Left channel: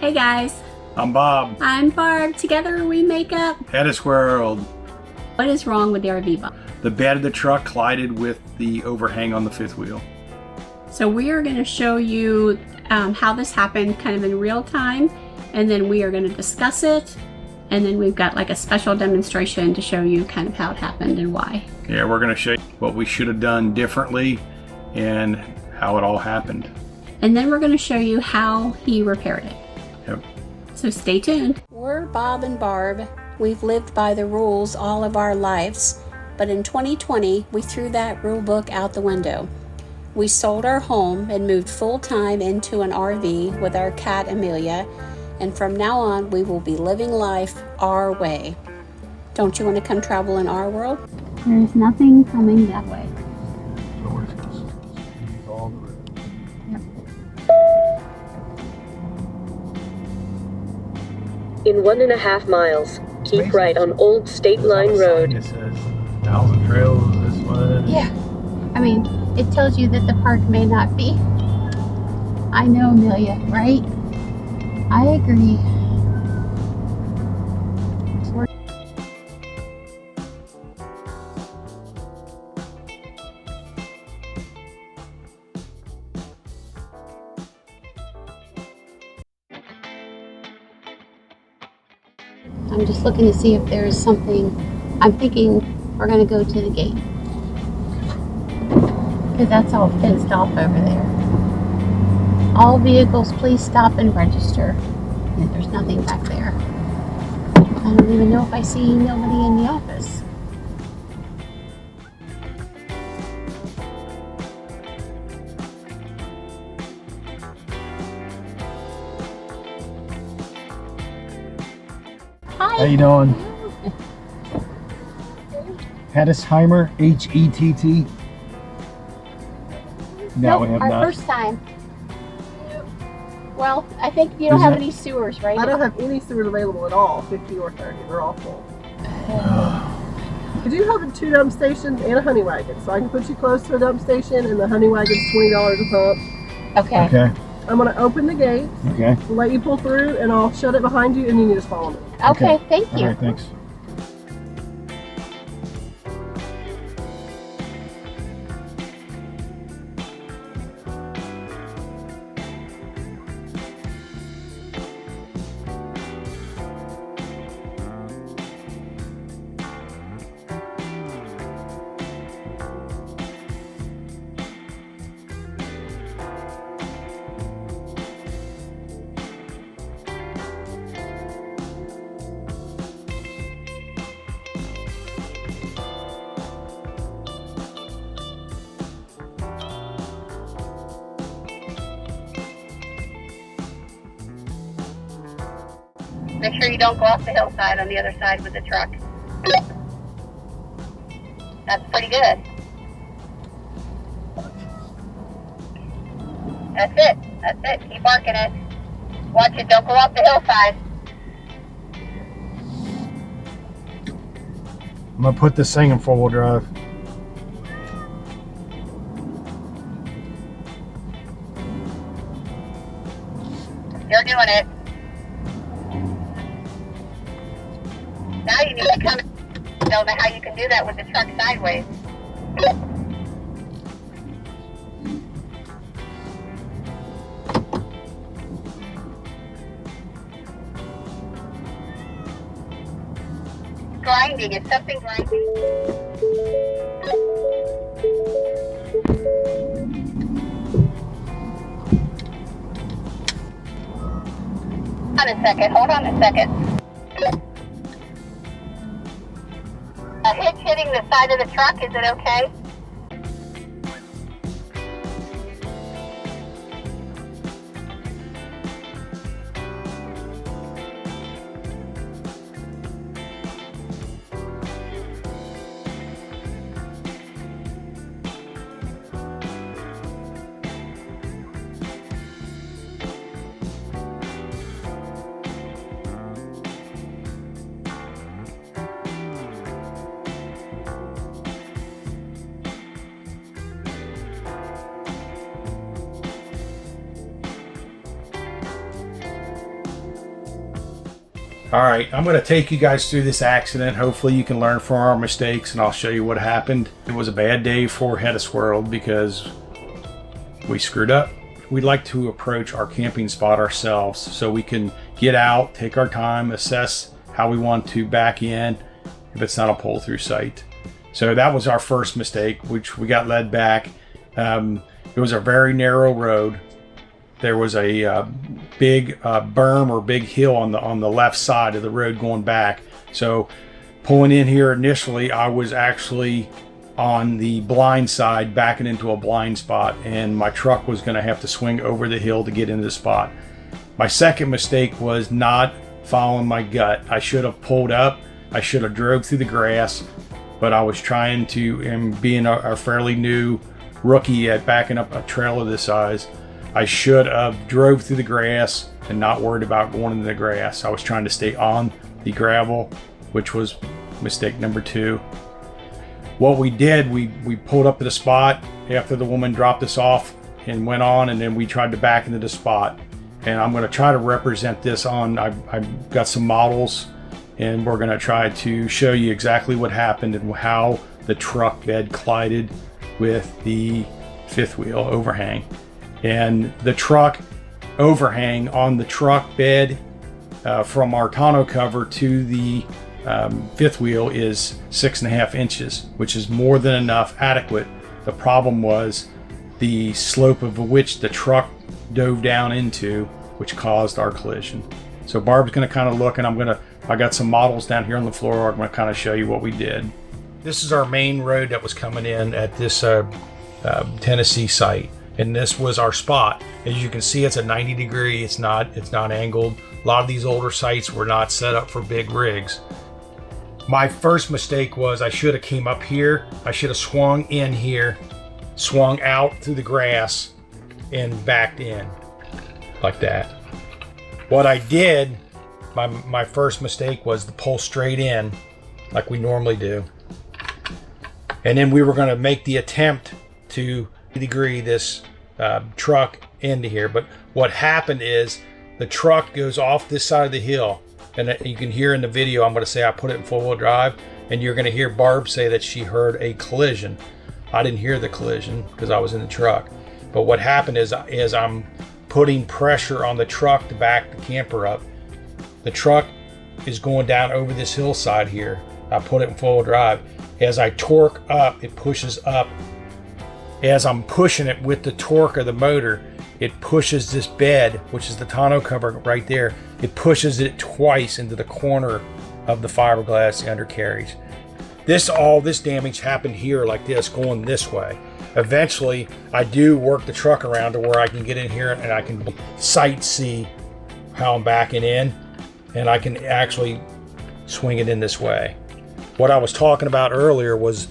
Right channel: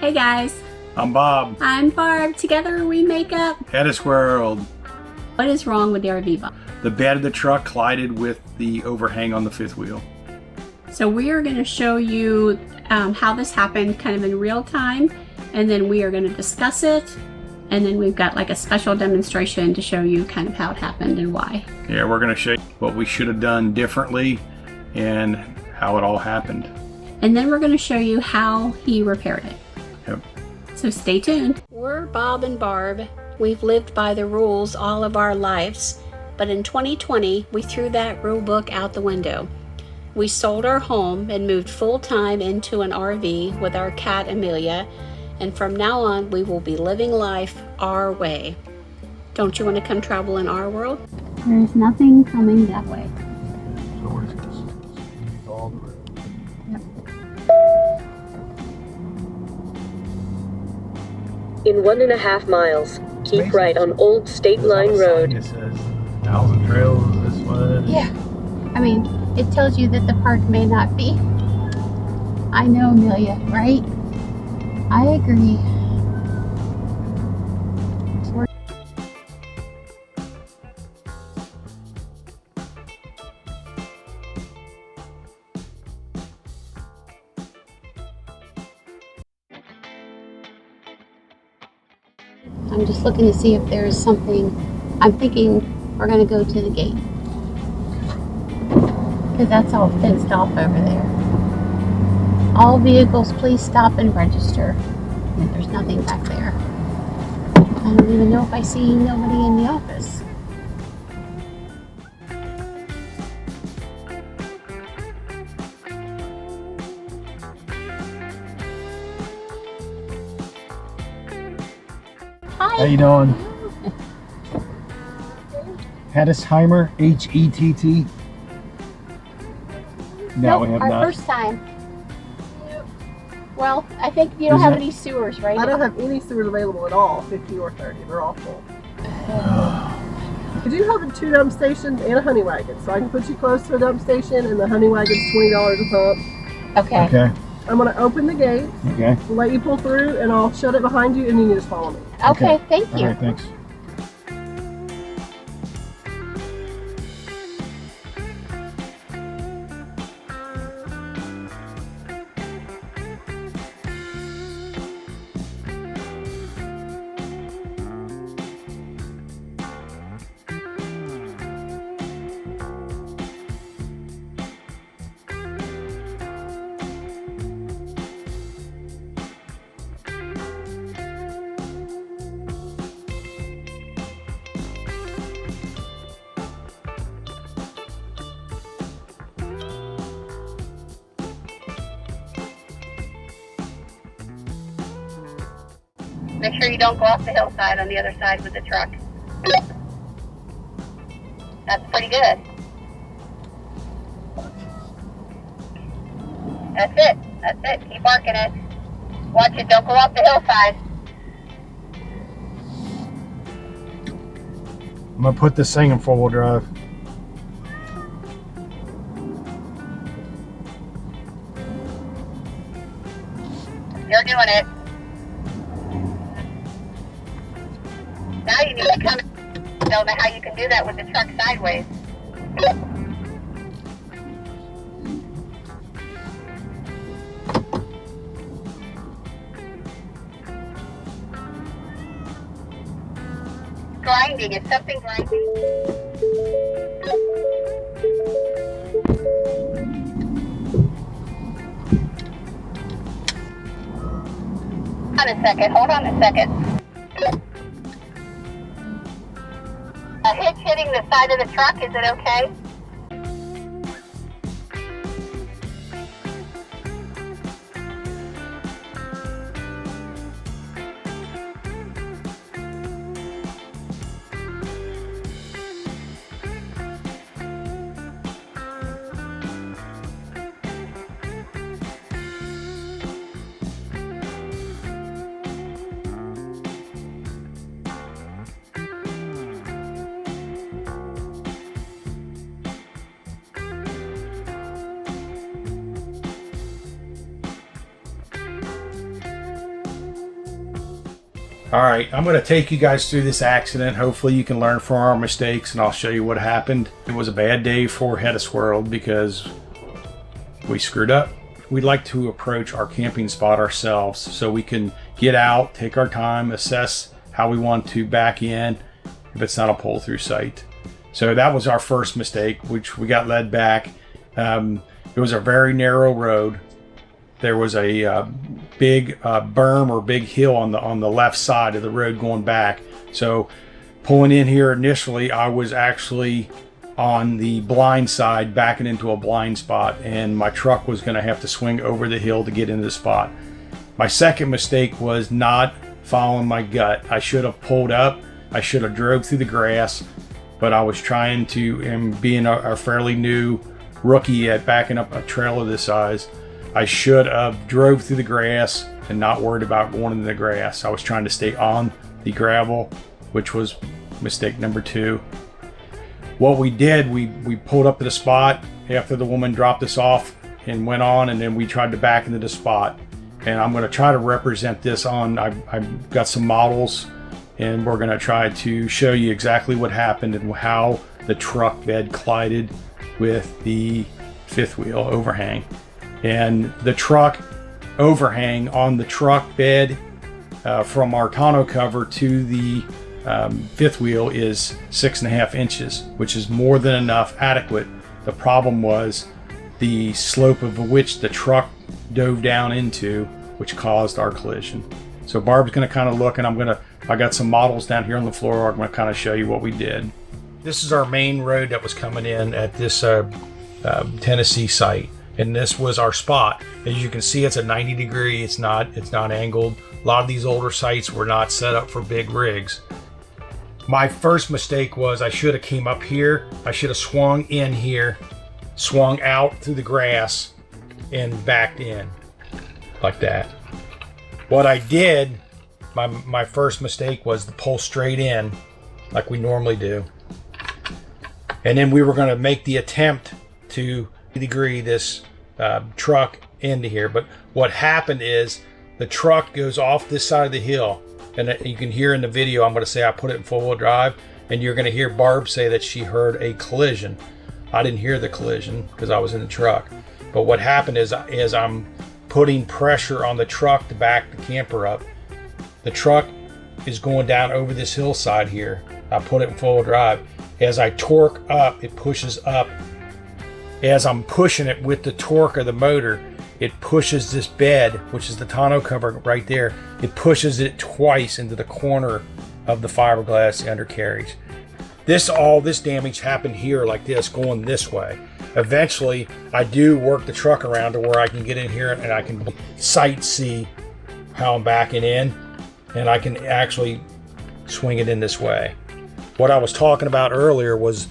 Hey guys. I'm Bob. I'm Barb. Together we make up HetteshWorld. What is wrong with the RV, Bob? The bed of the truck collided with the overhang on the fifth wheel. So we are going to show you how this happened kind of in real time, and then we are going to discuss it, and then we've got like a special demonstration to show you kind of how it happened and why. Yeah, we're going to show you what we should have done differently and how it all happened. And then we're going to show you how he repaired it. Yep. So stay tuned. We're Bob and Barb. We've lived by the rules all of our lives, but in 2020 we threw that rule book out the window. We sold our home and moved full-time into an RV with our cat Amelia, and from now on we will be living life our way. Don't you want to come travel in our world? There's nothing coming that way. In 1.5 miles, keep right on Old State Line Road. It says 1,000 trails this way. Yeah, I mean, it tells you that the park may not be. I know, Amelia, right? I agree. I'm just looking to see if there's something. I'm thinking we're going to go to the gate, because that's all fenced off over there. All vehicles, please stop and register. And there's nothing back there. I don't even know if I see nobody in the office. Hi. How you doing? Hettesheimer, H-E-T-T. Now Nope, we have our not. first time. Well, I think you don't Is have it- any sewers, right? I don't have any sewers available at all, 50 or 30. They're all full. Could you have a 2 dump stations and a honey wagon? So I can put you close to a dump station, and the honey wagon's $20 a pump. Okay. Okay, I'm going to open the gate, okay. let you pull through, and I'll shut it behind you, and you can just follow me. Okay, thank All you. right, thanks. Make sure you don't go off the hillside on the other side with the truck. That's pretty good. That's it. That's it. Keep barking it. Watch it. Don't go off the hillside. I'm gonna put this thing in 4-wheel drive. You're doing it. Now you need to come. Don't know how you can do that with the truck sideways. Grinding. It's something grinding. Hold on a second. Hold on a second. A hitch hitting the side of the truck, is it okay? All right, I'm going to take you guys through this accident. Hopefully you can learn from our mistakes, and I'll show you what happened. It was a bad day for HetteshWorld because we screwed up. We'd like to approach our camping spot ourselves so we can get out, take our time, assess how we want to back in if it's not a pull-through site. So that was our first mistake, which we got led back. It was a very narrow road. There was a big berm or big hill on the left side of the road going back. So pulling in here initially, I was actually on the blind side, backing into a blind spot, and my truck was going to have to swing over the hill to get into the spot. My second mistake was not following my gut. I should have pulled up. I should have drove through the grass, but I was trying to, and being a fairly new rookie at backing up a trailer this size, I should have drove through the grass and not worried about going into the grass. I was trying to stay on the gravel, which was mistake number 2. What we did, we pulled up to the spot after the woman dropped us off and went on, and then we tried to back into the spot. And I'm going to try to represent this on, I've got some models, and we're going to try to show you exactly what happened and how the truck bed collided with the fifth wheel overhang. And the truck overhang on the truck bed from our tonneau cover to the fifth wheel is 6.5 inches, which is more than enough, adequate. The problem was the slope of which the truck dove down into, which caused our collision. So Barb's going to kind of look, and I got some models down here on the floor. I'm going to kind of show you what we did. This is our main road that was coming in at this Tennessee site. And this was our spot. As you can see, it's a 90 degree. It's not angled. A lot of these older sites were not set up for big rigs. My first mistake was I should have came up here. I should have swung in here, swung out through the grass, and backed in like that. What I did, my first mistake was to pull straight in like we normally do. And then we were going to make the attempt to degree this truck into here, but what happened is the truck goes off this side of the hill, and you can hear in the video, I'm going to say I put it in four-wheel drive, and you're going to hear Barb say that she heard a collision. I didn't hear the collision because I was in the truck, but what happened is I'm putting pressure on the truck to back the camper up. The truck is going down over this hillside here. I put it in four-wheel drive. As I torque up, it pushes up. As I'm pushing it with the torque of the motor, it pushes this bed, which is the tonneau cover right there, it pushes it twice into the corner of the fiberglass undercarriage. All this damage happened here like this, going this way. Eventually, I do work the truck around to where I can get in here and I can sight see how I'm backing in, and I can actually swing it in this way. What I was talking about earlier was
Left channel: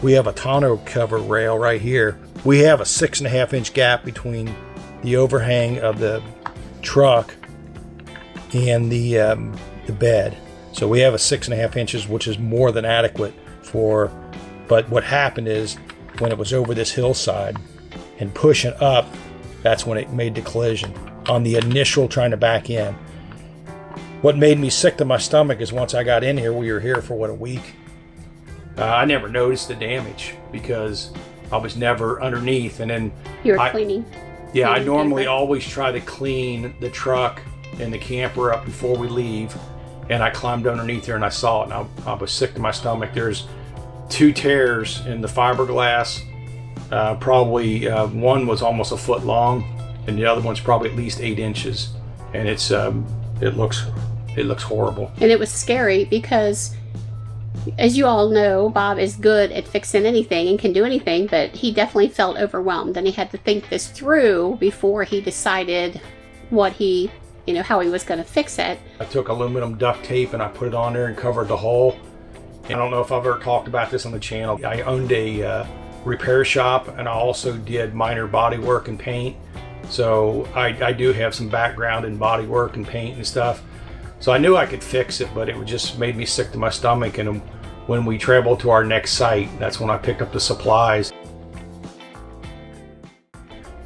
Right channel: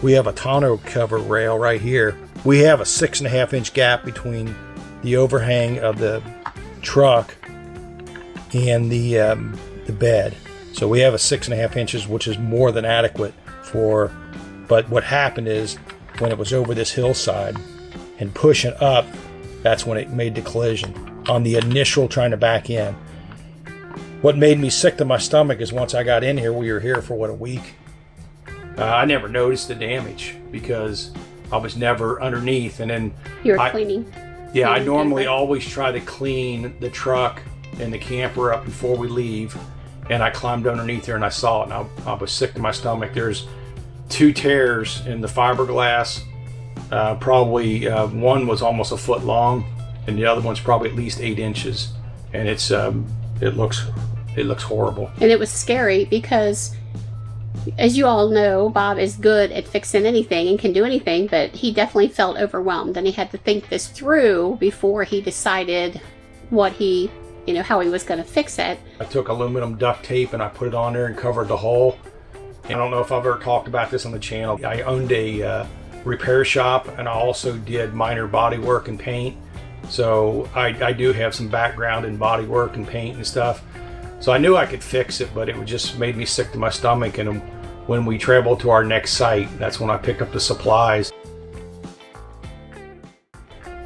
we have a tonneau cover rail right here. We have a 6.5 inch gap between the overhang of the truck and the bed. So we have a 6.5 inches, which is more than adequate for, but what happened is when it was over this hillside and pushing up, that's when it made the collision on the initial trying to back in. What made me sick to my stomach is once I got in here, we were here for a week. I never noticed the damage because I was never underneath, and then You were cleaning. Yeah, I normally always try to clean the truck and the camper up before we leave, and I climbed underneath there and I saw it, and I was sick to my stomach. There's 2 tears in the fiberglass. Probably one was almost a foot long, and the other one's probably at least 8 inches, and it looks horrible. And it was scary because, as you all know, Bob is good at fixing anything and can do anything, but he definitely felt overwhelmed, and he had to think this through before he decided how he was going to fix it. I took aluminum duct tape and I put it on there and covered the hole. And I don't know if I've ever talked about this on the channel. I owned a repair shop, and I also did minor body work and paint. So I do have some background in body work and paint and stuff. So I knew I could fix it, but it just made me sick to my stomach. And when we traveled to our next site, that's when I picked up the supplies.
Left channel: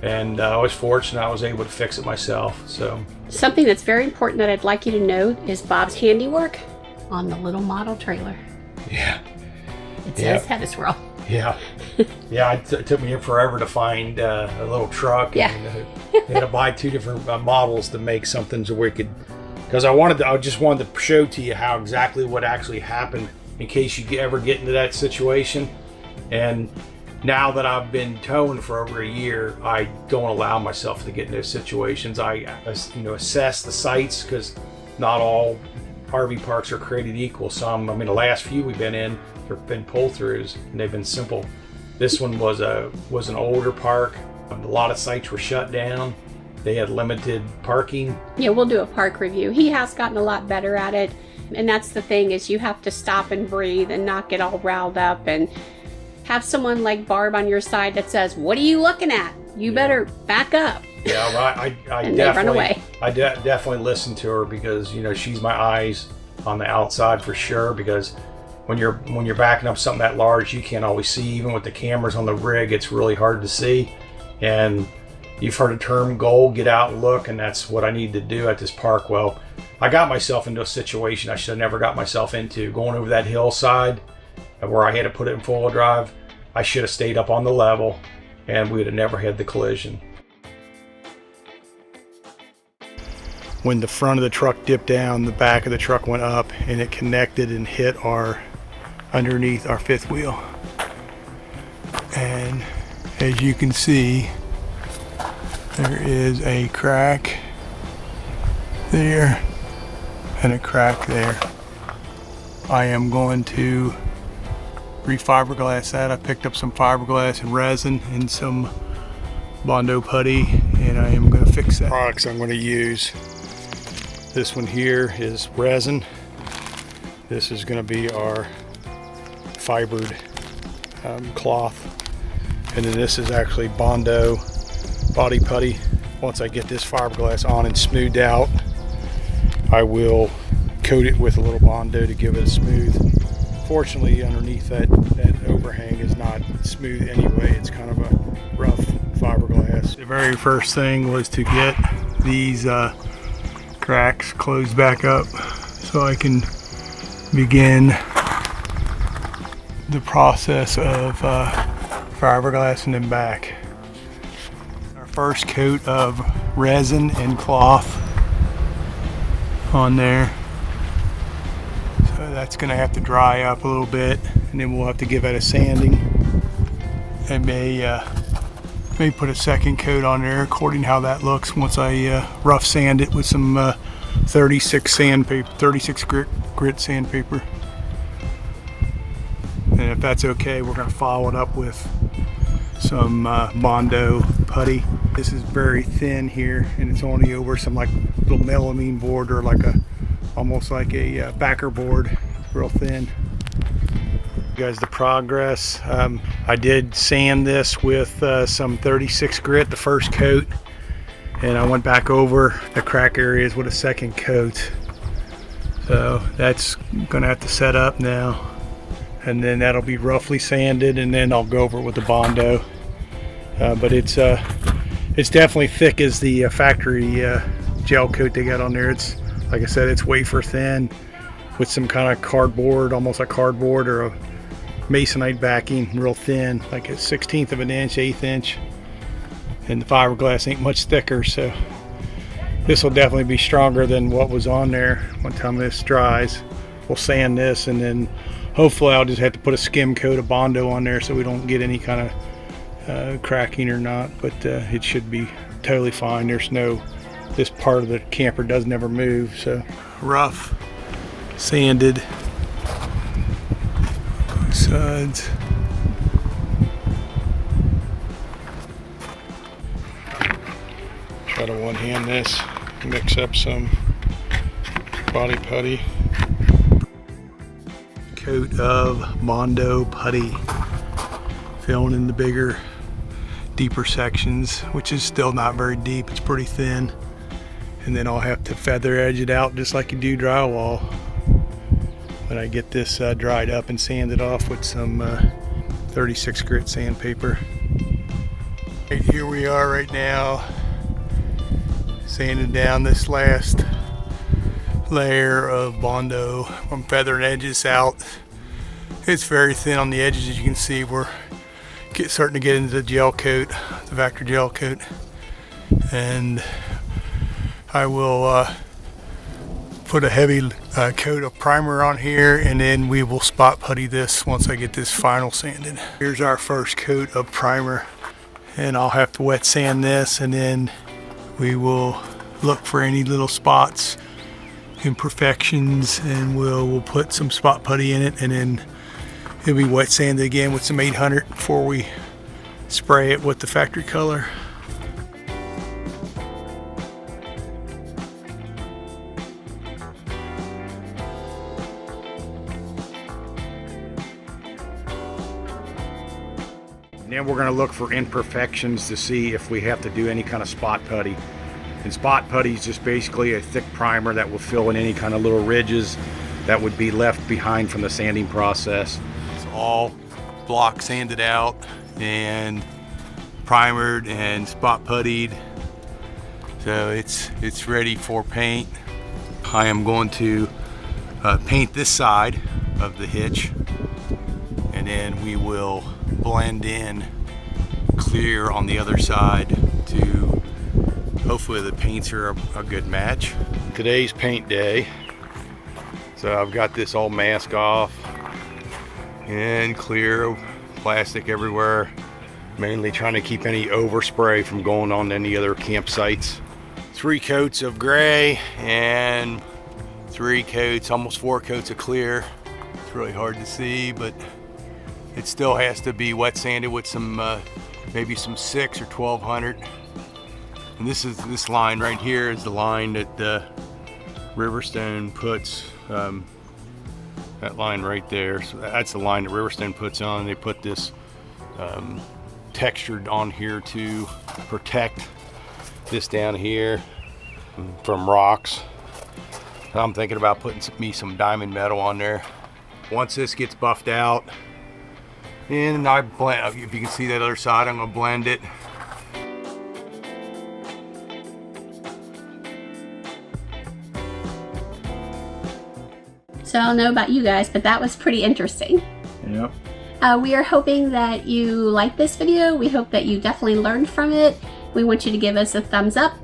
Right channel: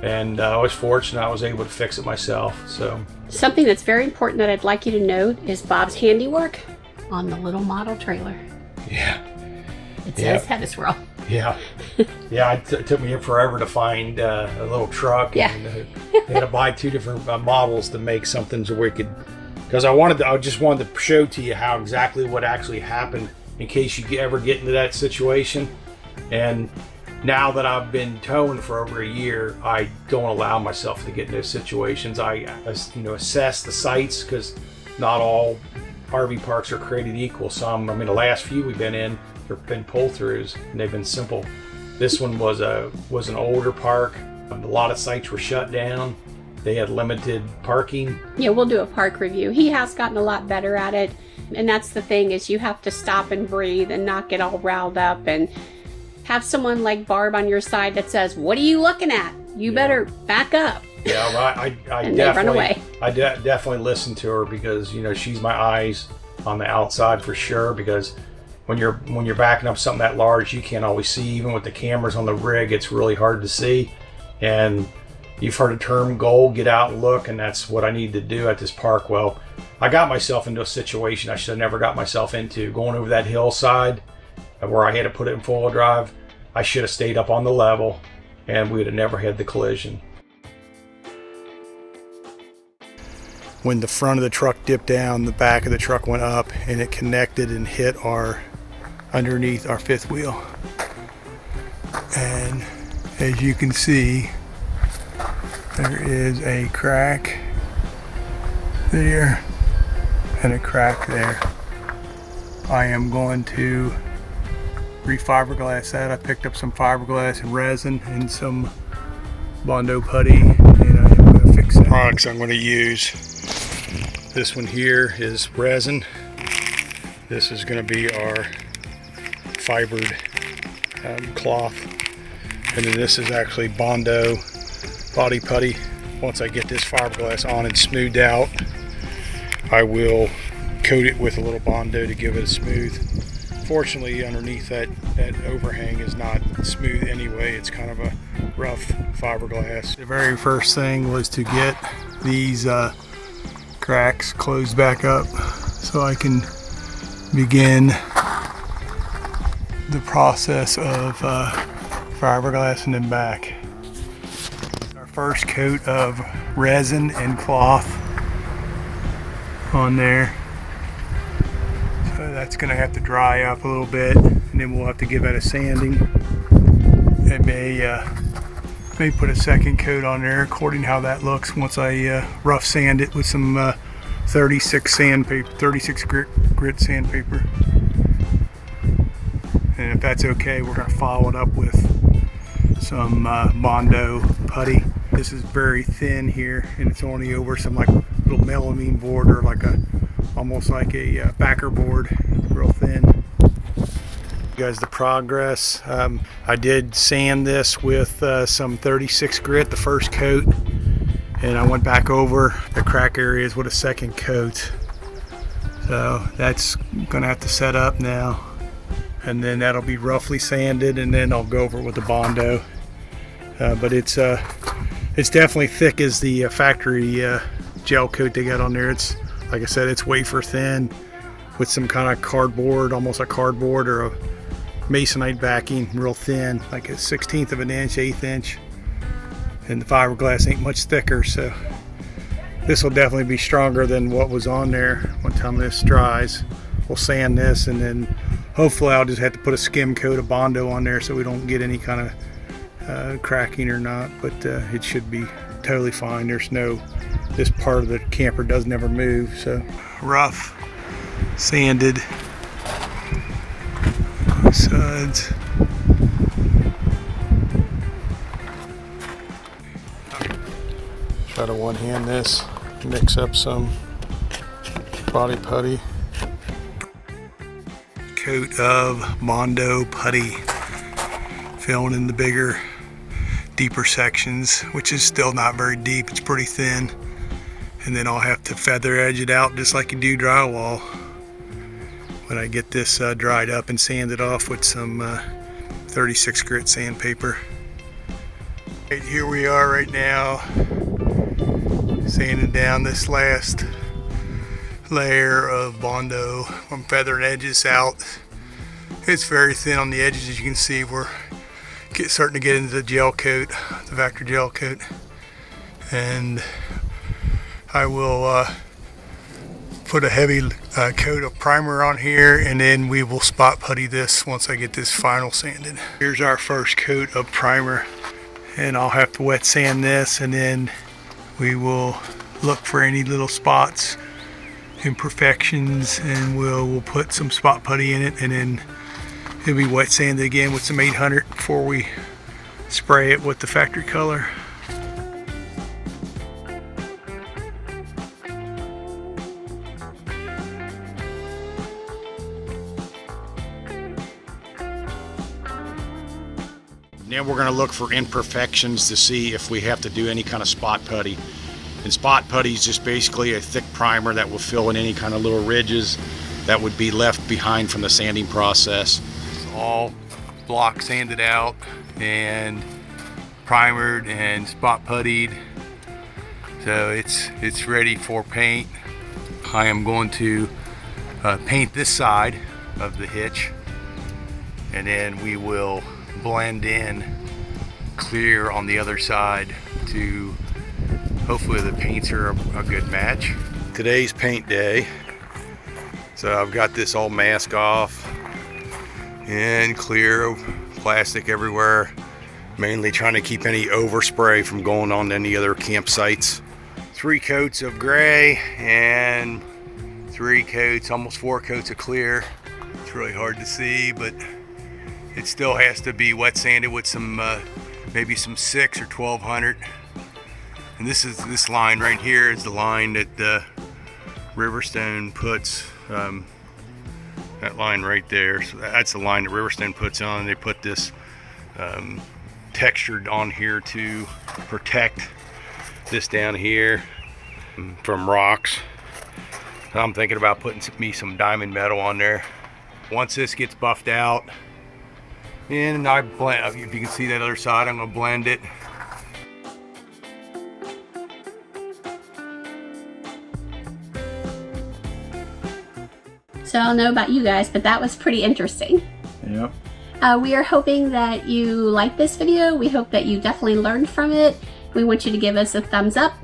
And I was fortunate I was able to fix it myself. So Something that's very important that I'd like you to note is Bob's handiwork on the little model trailer. yeah. It says HetteshWorld. Yeah. Yeah, it took me forever to find a little truck. Yeah. And, they had to buy 2 different models to make something so we could, because I just wanted to show to you how exactly what actually happened in case you ever get into that situation. And now that I've been towing for over a year, I don't allow myself to get in those situations. I assess the sites, because not all RV parks are created equal. Some, I mean, the last few we've been in, there have been pull-throughs, and they've been simple. This one was an older park. A lot of sites were shut down. They had limited parking. Yeah, we'll do a park review. He has gotten a lot better at it. And that's the thing, is you have to stop and breathe and not get all riled up, and have someone like Barb on your side that says, "What are you looking at? You better back up." Yeah, well, I and definitely they run away. I definitely listen to her, because she's my eyes on the outside for sure. Because when you're backing up something that large, you can't always see. Even with the cameras on the rig, it's really hard to see. And you've heard the term "goal, get out and look," and that's what I need to do at this park. Well, I got myself into a situation I should have never got myself into, going over that hillside where I had to put it in full drive. I should have stayed up on the level, and we would have never had the collision. When the front of the truck dipped down, the back of the truck went up, and it connected and hit underneath our fifth wheel. And as you can see, there is a crack there and a crack there. I am going to re-fiberglass that. I picked up some fiberglass and resin and some Bondo putty, and I am going to fix that. Products I'm going to use. This one here is resin. This is going to be our fibered cloth. And then this is actually Bondo body putty. Once I get this fiberglass on and smoothed out, I will coat it with a little Bondo to give it a smooth. Fortunately, underneath that overhang is not smooth anyway. It's kind of a rough fiberglass. The very first thing was to get these cracks closed back up so I can begin the process of fiberglassing them back. Our first coat of resin and cloth on there. So that's going to have to dry up a little bit, and then we'll have to give that a sanding. I may put a second coat on there according to how that looks once I rough sand it with some 36 grit sandpaper. And if that's okay, we're going to follow it up with some Bondo putty. This is very thin here, and it's only over some like little melamine board, or like almost like a backer board, real thin. Guys, the progress. I did sand this with some 36 grit, the first coat, and I went back over the crack areas with a second coat. So that's gonna have to set up now, and then that'll be roughly sanded, and then I'll go over it with the Bondo. But it's definitely thick as the factory gel coat they got on there. It's, like I said, it's wafer thin with some kind of cardboard, almost like cardboard or a masonite backing, real thin, like a 1/16 of an inch, 1/8 inch. And the fiberglass ain't much thicker, so this will definitely be stronger than what was on there. One time this dries, we'll sand this, and then hopefully I'll just have to put a skim coat of Bondo on there so we don't get any kind of cracking or not, but it should be totally fine. This part of the camper does never move. So rough sanded sides. Try to one hand this, mix up some body putty. Coat of Bondo putty, filling in the bigger, deeper sections, which is still not very deep. It's pretty thin. And then I'll have to feather edge it out just like you do drywall. When I get this dried up and sanded off with some 36 grit sandpaper. Right, here we are right now, sanding down this last layer of Bondo from feathering edges out. It's very thin on the edges, as you can see. We're starting to get into the gel coat, the Vector gel coat, and I will put a heavy coat of primer on here, and then we will spot putty this once I get this final sanded. Here's our first coat of primer, and I'll have to wet sand this, and then we will look for any little spots, imperfections, and we'll put some spot putty in it, and then it'll be wet sanded again with some 800 before we spray it with the factory color. Then we're going to look for imperfections to see if we have to do any kind of spot putty. And spot putty is just basically a thick primer that will fill in any kind of little ridges that would be left behind from the sanding process. It's all block sanded out and primered and spot puttied, so it's ready for paint. I am going to paint this side of the hitch, and then we will blend in clear on the other side to hopefully the paints are a good match. Today's paint day, so I've got this all mask off and clear plastic everywhere, mainly trying to keep any overspray from going on to any other campsites. 3 coats of gray and 3 coats, almost 4 coats of clear. It's really hard to see, but it still has to be wet sanded with some maybe some 6 or 1200. And this line right here is the line that Riverstone puts, that line right there. So that's the line that Riverstone puts on. They put this textured on here to protect this down here from rocks. I'm thinking about putting me some diamond metal on there. Once this gets buffed out, and I blend, if you can see that other side, I'm gonna blend it. So I don't know about you guys, but that was pretty interesting. Yep. We are hoping that you like this video. We hope that you definitely learned from it. We want you to give us a thumbs up.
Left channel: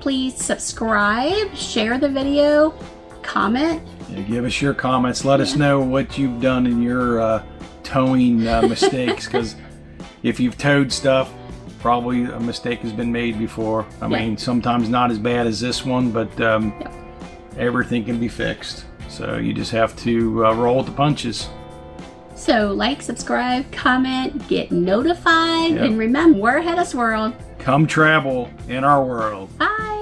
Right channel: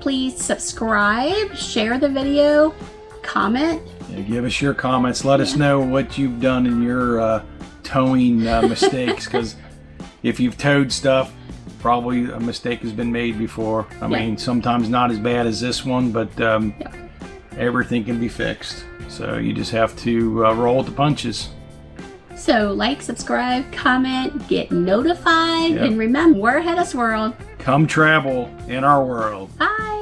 Please subscribe, share the video, comment. Yeah, give us your comments. Let us know what you've done in your towing mistakes, because if you've towed stuff, probably a mistake has been made before. I mean, sometimes not as bad as this one, but everything can be fixed. So you just have to roll with the punches. So like, subscribe, comment, get notified, and remember, we're HetteshWorld. Come travel in our world. Bye.